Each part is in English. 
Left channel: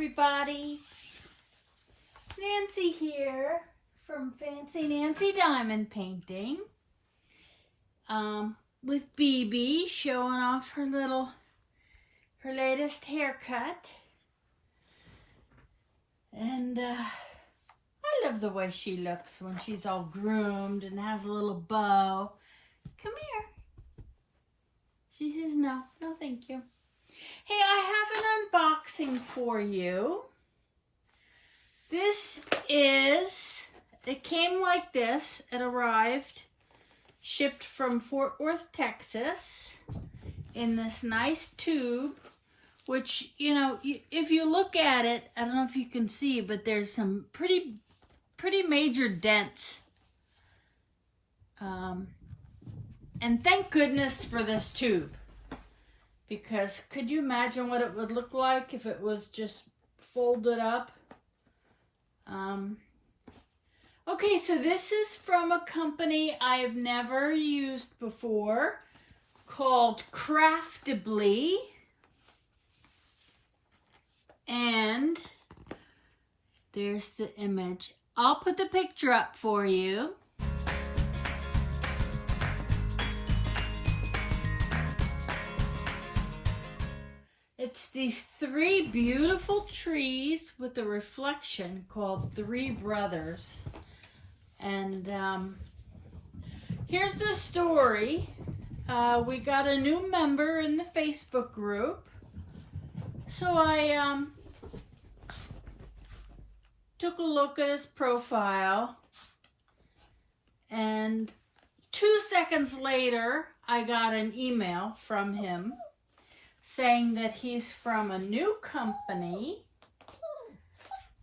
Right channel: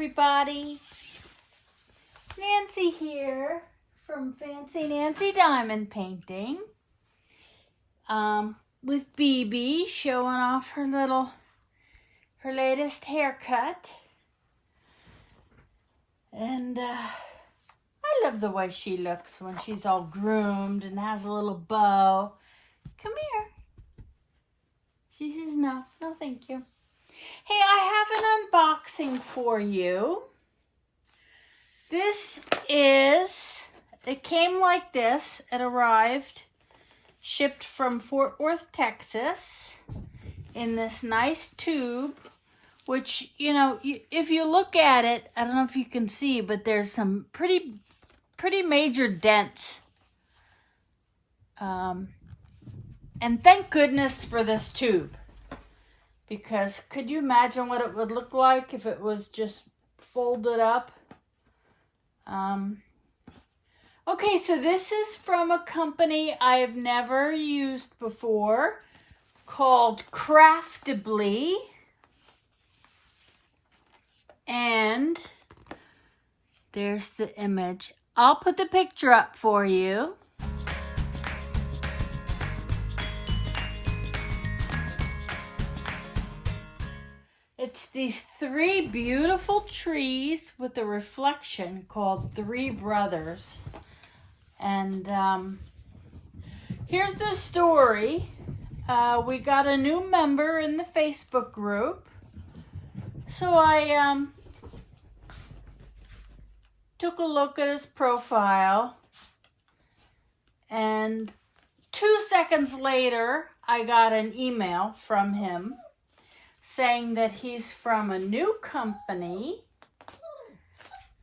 everybody. Nancy here from Fancy Nancy Diamond Painting with BB showing off her latest haircut. And I love the way she looks when she's all groomed and has a little bow. Come here. She says no thank you. Hey, I have an unboxing for you. It came like this. It arrived, shipped from Fort Worth, Texas, in this nice tube, which, you know, if you look at it, I don't know if you can see, but there's some pretty major dents. And thank goodness for this tube. Because could you imagine what it would look like if it was just folded up? Okay, so this is from a company I've never used before called Craftibly. And there's the image. I'll put the picture up for you. It's these three beautiful trees with a reflection called Three Brothers. And here's the story. We got a new member in the Facebook group. So I took a look at his profile. And 2 seconds later, I got an email from him saying that he's from a new company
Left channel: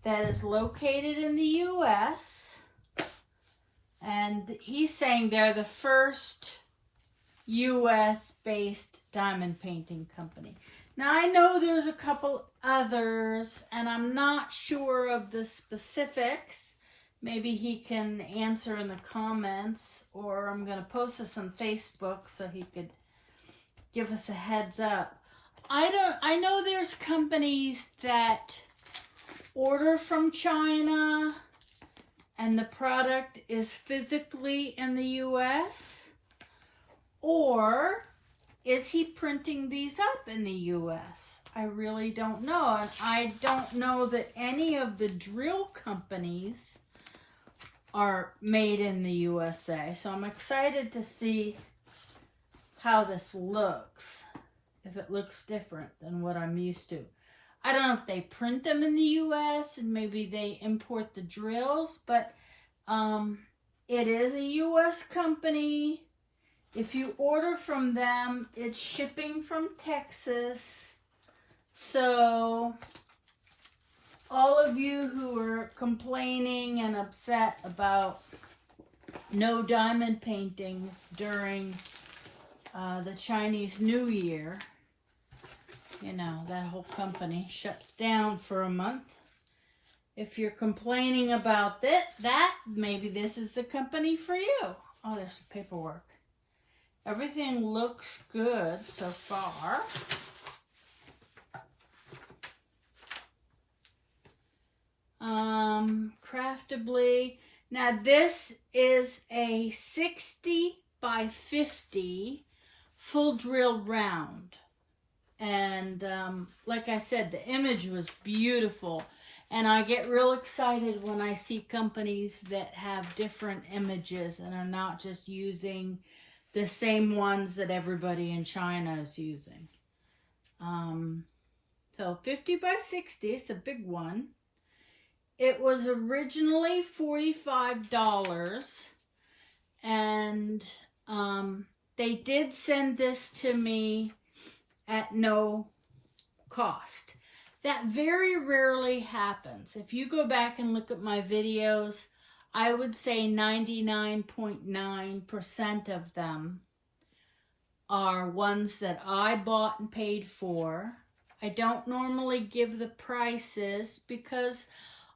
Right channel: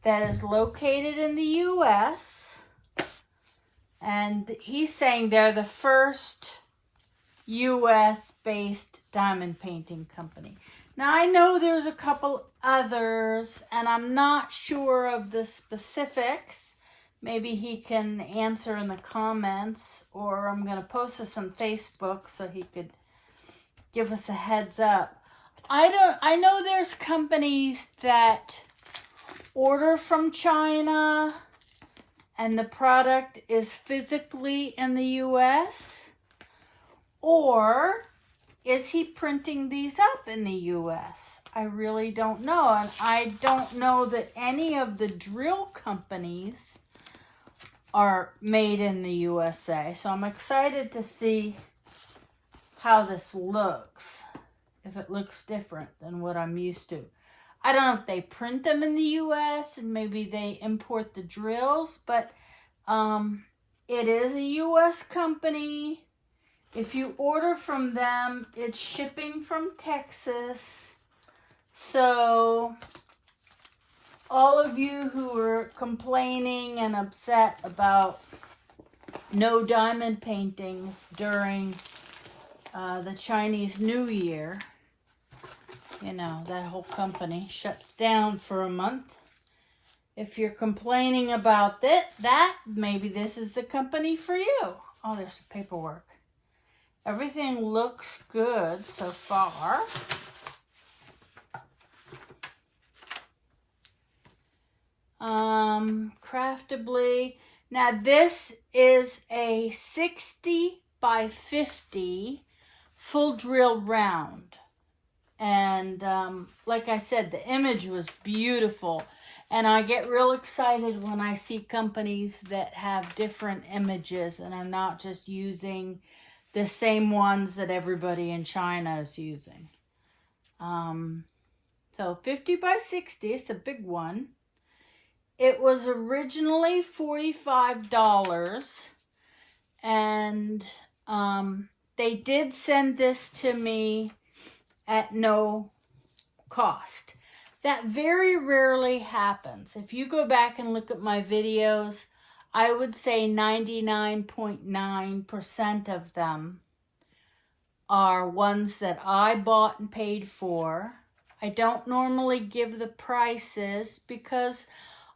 that is located in the U.S. And he's saying they're the first U.S.-based diamond painting company. Now, I know there's a couple others, and I'm not sure of the specifics. Maybe he can answer in the comments, or I'm going to post this on Facebook so he could give us a heads up. I know there's companies that order from China and the product is physically in the U.S. Or is he printing these up in the U.S.? I really don't know. And I don't know that any of the drill companies are made in the USA. So I'm excited to see how this looks. If it looks different than what I'm used to. I don't know if they print them in the U.S. and maybe they import the drills, but it is a U.S. company. If you order from them, it's shipping from Texas. So all of you who are complaining and upset about no diamond paintings during the Chinese New Year, you know, that whole company shuts down for a month. If you're complaining about that, maybe this is the company for you. Oh, there's some paperwork. Everything looks good so far. Craftibly. Now, this is a 60 by 50 full drill round. And like I said, the image was beautiful. And I get real excited when I see companies that have different images and are not just using the same ones that everybody in China is using. So 50 by 60, it's a big one. It was originally $45. And they did send this to me at no cost. That very rarely happens. If you go back and look at my videos, I would say 99.9% of them are ones that I bought and paid for. I don't normally give the prices because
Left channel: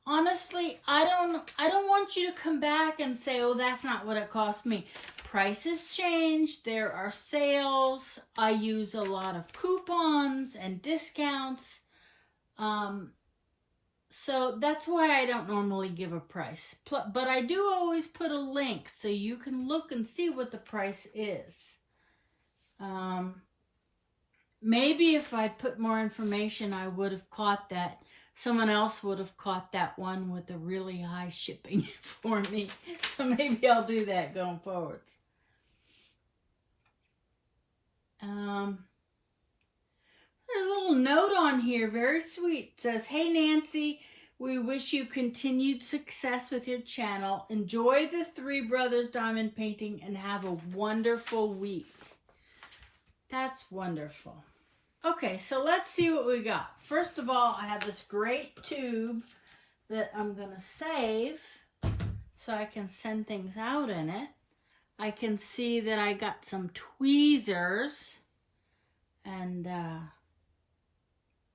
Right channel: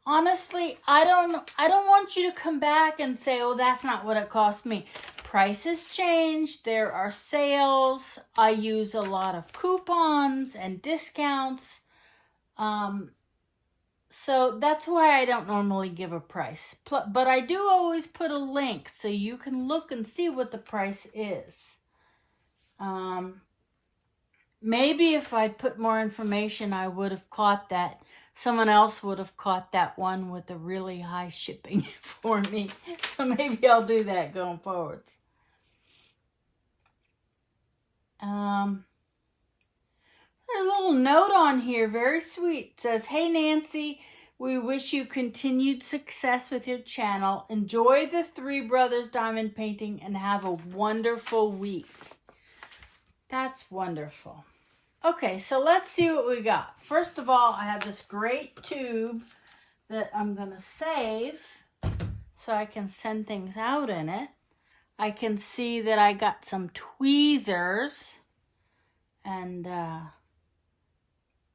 honestly, I don't want you to come back and say, "Oh, that's not what it cost me." Prices change. There are sales. I use a lot of coupons and discounts. So that's why I don't normally give a price. But I do always put a link so you can look and see what the price is. Maybe if I'd put more information, I would have caught that. Someone else would have caught that one with the really high shipping for me. So maybe I'll do that going forwards. There's a little note on here, very sweet. It says, "Hey Nancy, we wish you continued success with your channel. Enjoy the Three Brothers diamond painting and have a wonderful week." That's wonderful. Okay, so let's see what we got. First of all, I have this great tube that I'm going to save so I can send things out in it. I can see that I got some tweezers. And,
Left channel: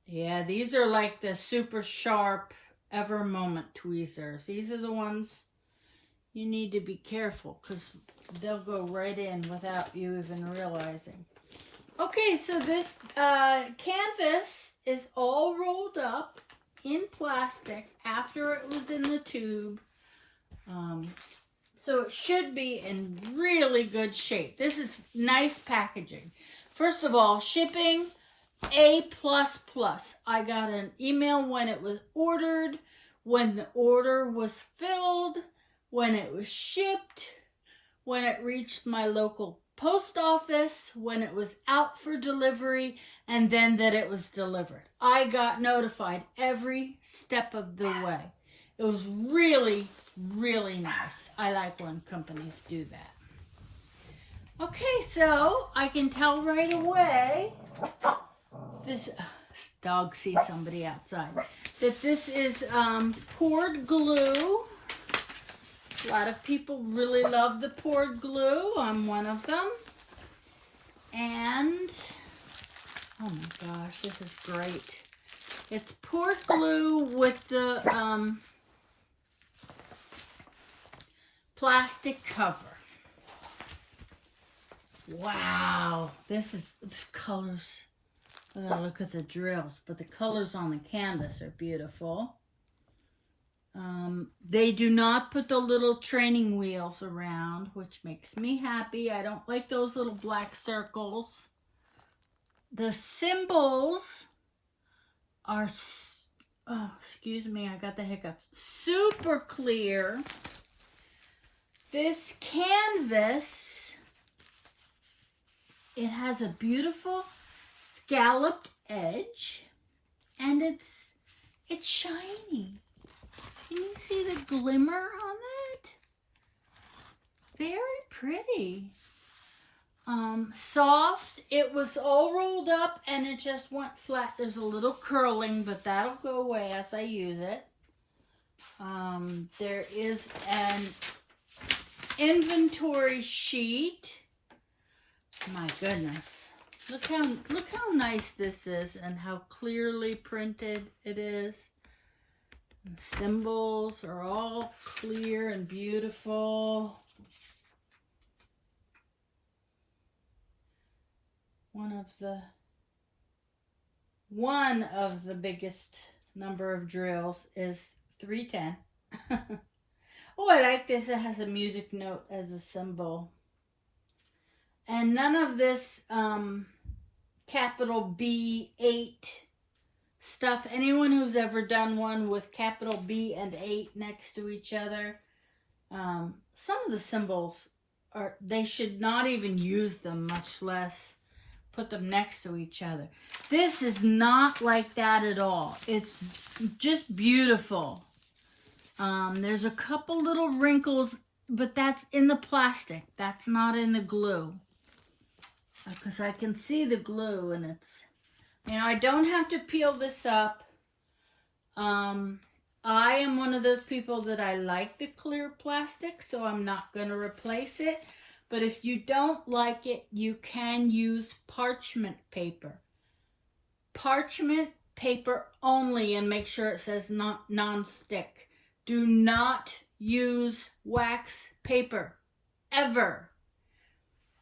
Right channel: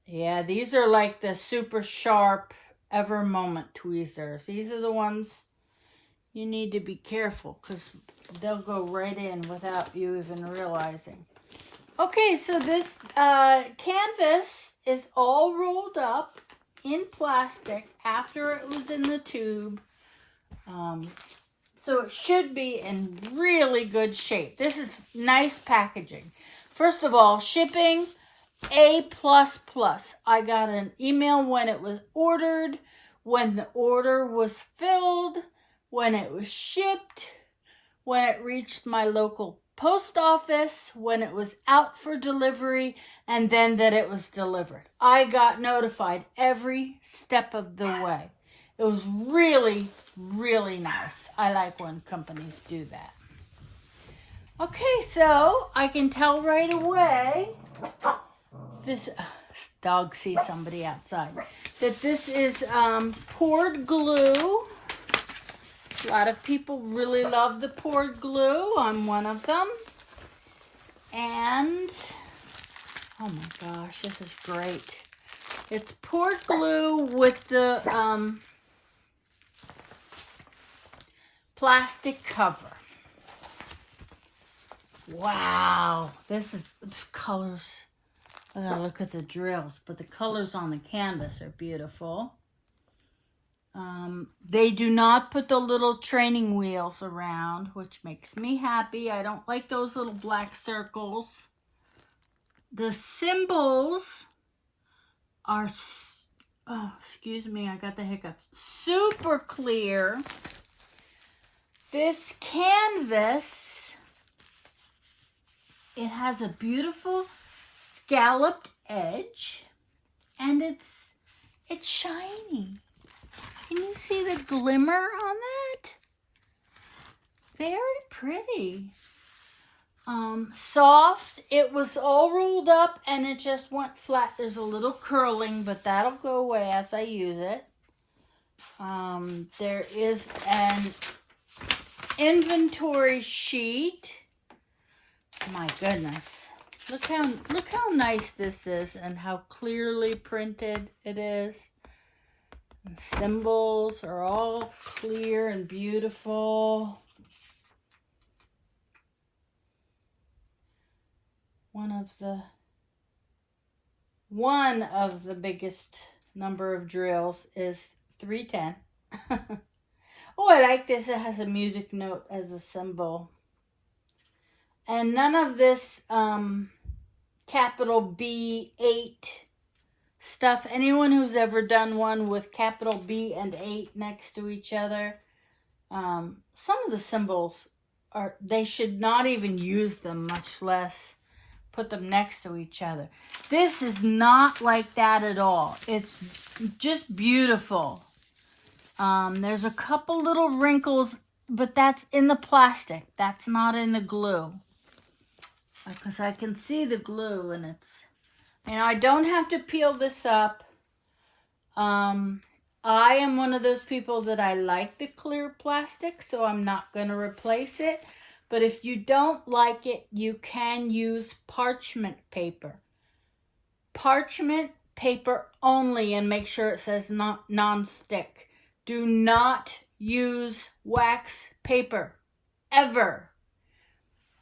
yeah, these are like the super sharp Ever Moment tweezers. These are the ones you need to be careful because they'll go right in without you even realizing. Okay, so this canvas is all rolled up in plastic after it was in the tube. So it should be in really good shape. This is nice packaging. First of all, shipping A++. I got an email when it was ordered, when the order was filled, when it was shipped, when it reached my local post office, when it was out for delivery, and then that it was delivered. I got notified every step of the way. It was really, really nice. I like when companies do that. Okay, so I can tell right away, this dog sees somebody outside, that this is poured glue. A lot of people really love the poured glue. I'm one of them. And, oh my gosh, this is great. It's poured glue with the plastic cover. Wow, this colors. I gotta look at the drills, but the colors on the canvas are beautiful. They do not put the little training wheels around, which makes me happy. I don't like those little black circles. The symbols are, oh, excuse me, I got the hiccups, super clear. This canvas, it has a beautiful scalloped edge, and it's shiny. Can you see the glimmer on that? Very pretty. Soft. It was all rolled up and it just went flat. There's a little curling, but that'll go away as I use it. There is an inventory sheet. My goodness. Look how nice this is and how clearly printed it is. And symbols are all clear and beautiful. One of the biggest number of drills is 310. Oh, I like this. It has a music note as a symbol. And none of this capital B8 stuff. Anyone who's ever done one with capital B and 8 next to each other, some of the symbols they should not even use them, much less put them next to each other. This is not like that at all. It's just beautiful. There's a couple little wrinkles, but that's in the plastic. That's not in the glue. Because I can see the glue and it's, I don't have to peel this up. I am one of those people that I like the clear plastic, so I'm not going to replace it. But if you don't like it, you can use parchment paper. Parchment paper only, and make sure it says non-stick. Do not use wax paper, ever.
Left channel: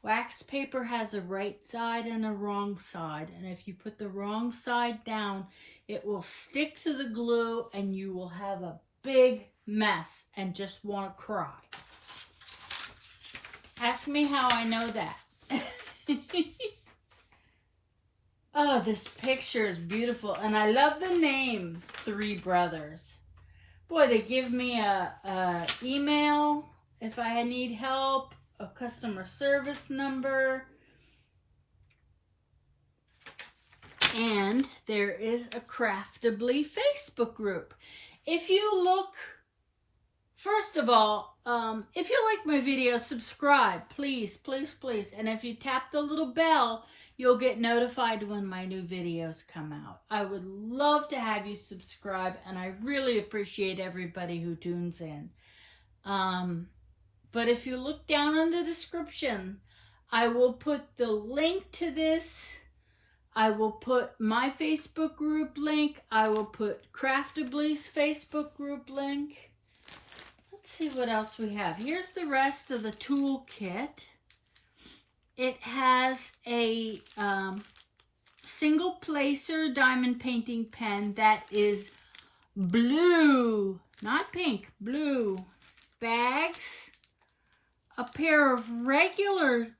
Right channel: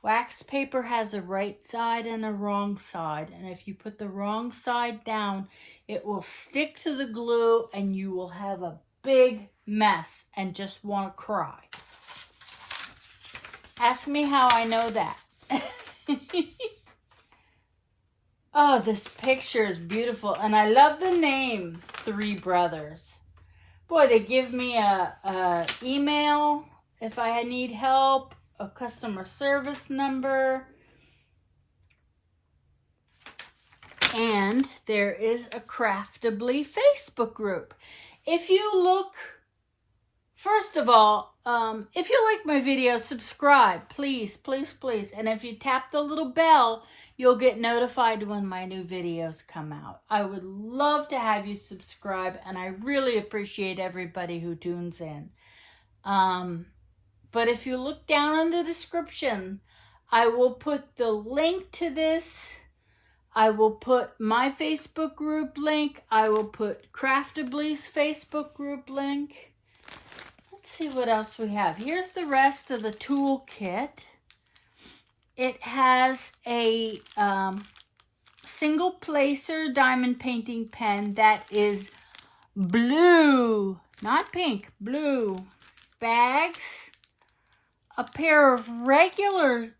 Wax paper has a right side and a wrong side, and if you put the wrong side down, It will stick to the glue and you will have a big mess and just want to cry. Ask me how I know that. Oh, this picture is beautiful. And I love the name, Three Brothers. Boy, they give me a email if I need help, a customer service number. And there is a Craftibly Facebook group. If you look, first of all, if you like my video, subscribe, please, please, please. And if you tap the little bell, you'll get notified when my new videos come out. I would love to have you subscribe, and I really appreciate everybody who tunes in. But if you look down in the description, I will put the link to this. I will put my Facebook group link. I will put Craftibly's Facebook group link. Let's see what else we have. Here's the rest of the toolkit. It has a single placer diamond painting pen that is blue, not pink, blue. Bags, a pair of regular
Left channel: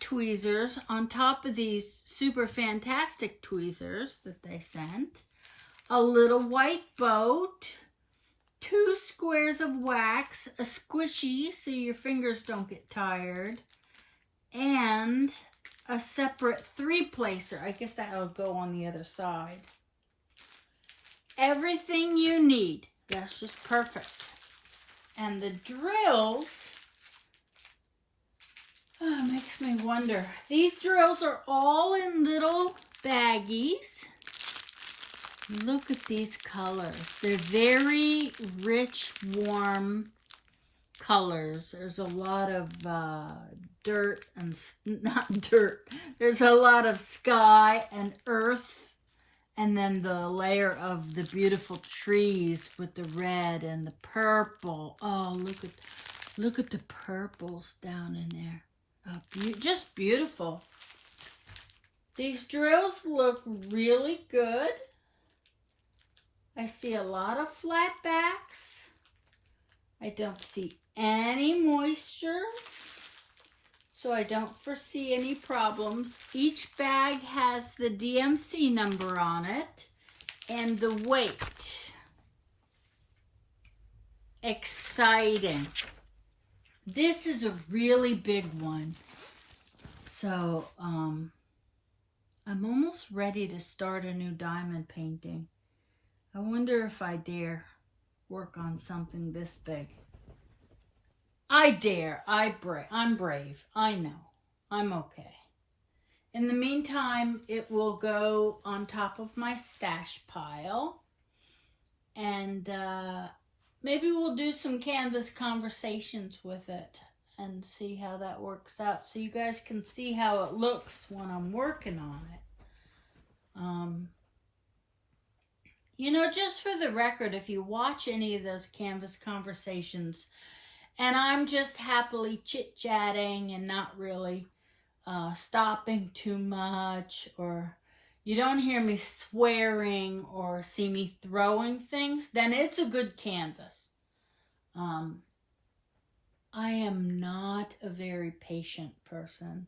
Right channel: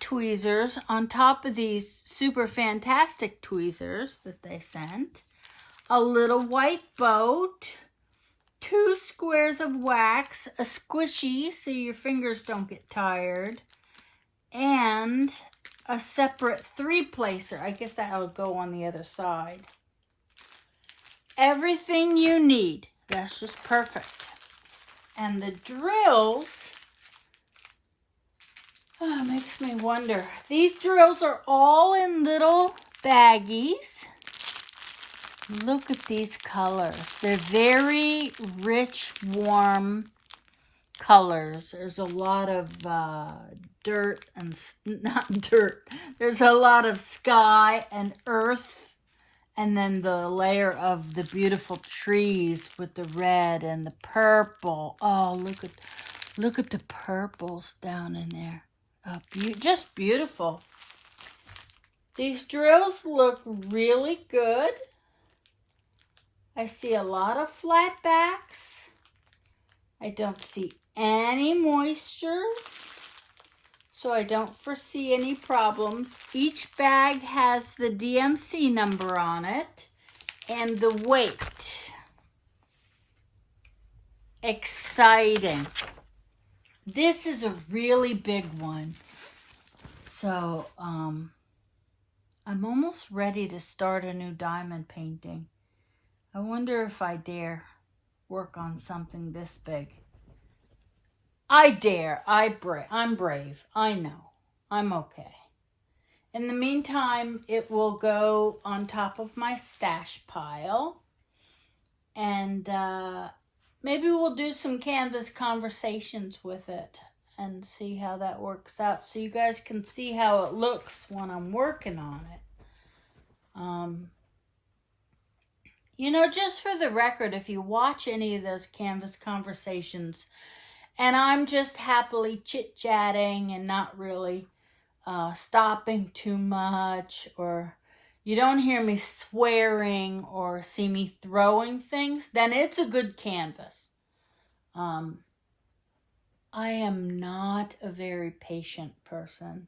tweezers on top of these super fantastic tweezers that they sent, a little white boat, 2 squares of wax, a squishy so your fingers don't get tired, and a separate 3-placer. I guess that'll go on the other side. Everything you need. That's just perfect. And the drills, oh, it makes me wonder. These drills are all in little baggies. Look at these colors. They're very rich, warm colors. There's a lot of dirt and, not dirt, there's a lot of sky and earth, and then the layer of the beautiful trees with the red and the purple. Oh, look at the purples down in there. Oh, just beautiful. These drills look really good. I see a lot of flat backs. I don't see any moisture, so I don't foresee any problems. Each bag has the DMC number on it and the weight. Exciting. This is a really big one. So, I'm almost ready to start a new diamond painting. I wonder if I dare work on something this big. I dare. I'm brave. I know. I'm okay. In the meantime, it will go on top of my stash pile. And maybe we'll do some canvas conversations with it and see how that works out, so you guys can see how it looks when I'm working on it. You know, just for the record, if you watch any of those canvas conversations and I'm just happily chit-chatting and not really stopping too much, or you don't hear me swearing or see me throwing things, then it's a good canvas. I am not a very patient person.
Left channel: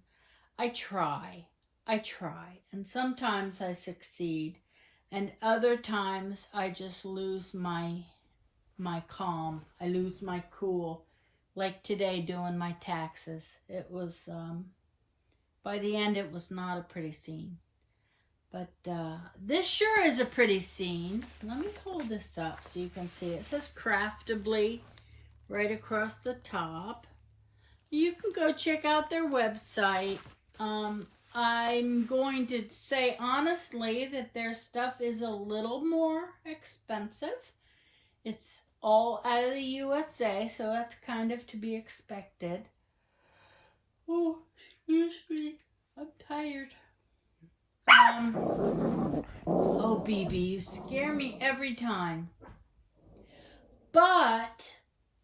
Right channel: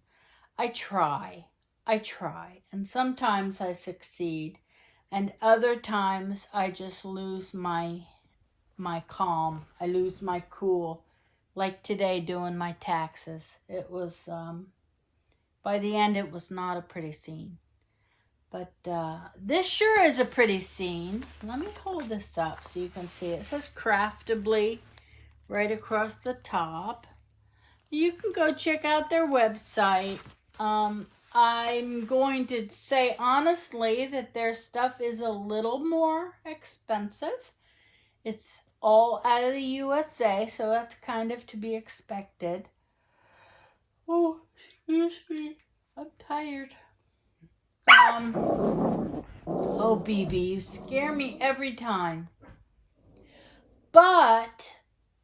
I try, and sometimes I succeed. And other times I just lose my calm. I lose my cool. Like today doing my taxes. It was, by the end it was not a pretty scene. But this sure is a pretty scene. Let me hold this up so you can see it. It says Craftibly right across the top. You can go check out their website. I'm going to say honestly that their stuff is a little more expensive. It's all out of the USA, so that's kind of to be expected. Oh, excuse me. I'm tired. Oh, BB, you scare me every time. But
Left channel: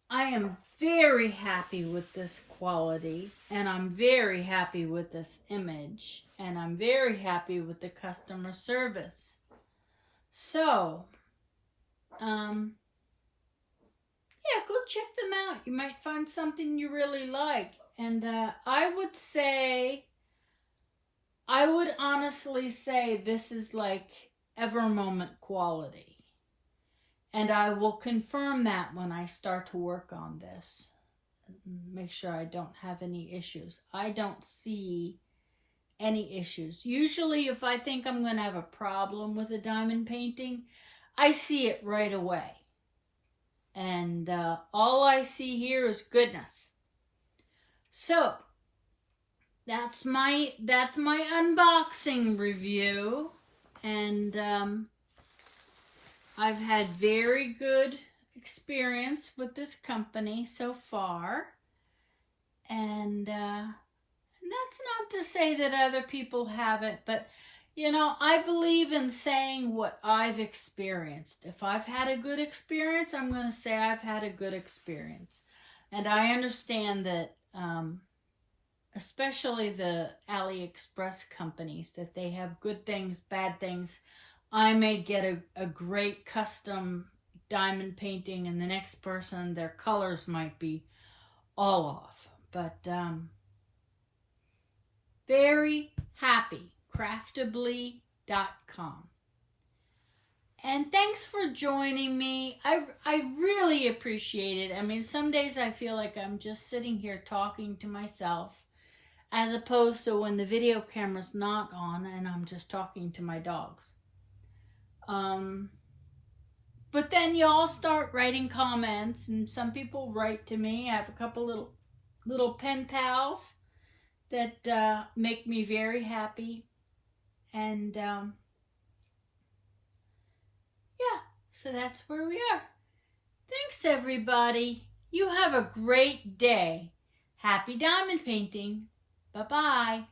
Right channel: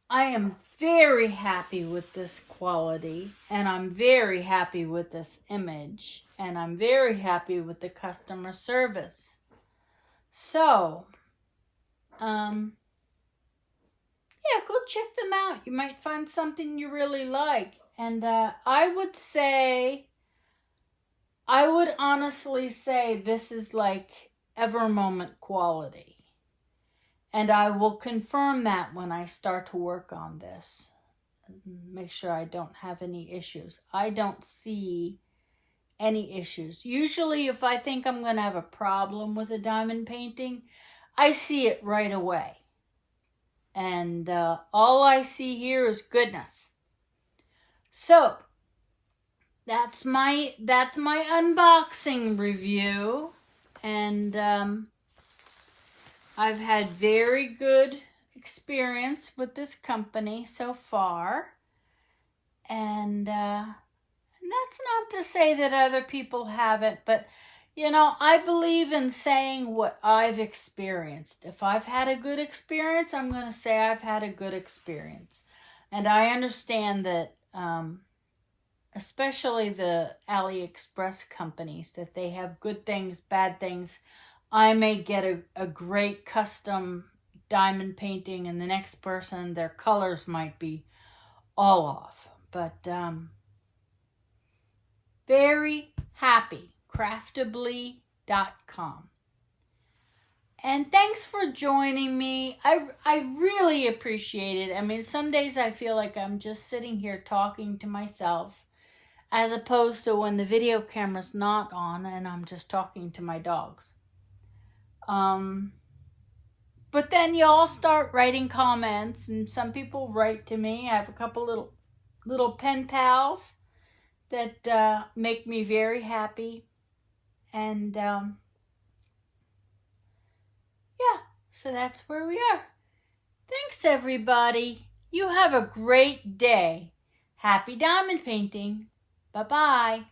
I am very happy with this quality, and I'm very happy with this image, and I'm very happy with the customer service. So, yeah, go check them out. You might find something you really like. And I would honestly say this is like ever moment quality. And I will confirm that when I start to work on this. Make sure I don't have any issues. I don't see any issues. Usually if I think I'm going to have a problem with a diamond painting, I see it right away. And all I see here is goodness. So that's my unboxing review, and I've had very good experience with this company so far, and that's not to say that other people haven't, but you know, I believe in saying what I've experienced. If I've had a good experience, I'm going to say I've had a good experience. And I understand that, especially the AliExpress companies, that they have good things, bad things. I may get a great custom diamond painting, and the next person, their colors might be all off. But very happy. Craftibly.com. And thanks for joining me. I really appreciate it. I mean, some days I feel like I'm just sitting here talking to myself, as opposed to when the video camera's not on and I'm just talking to my dogs. But then you all start writing comments, and some people write to me. I have a couple little pen pals that make me very happy. And yeah, so that's where we are. Thanks, everybody. You have a great day. Happy diamond painting. Bye-bye.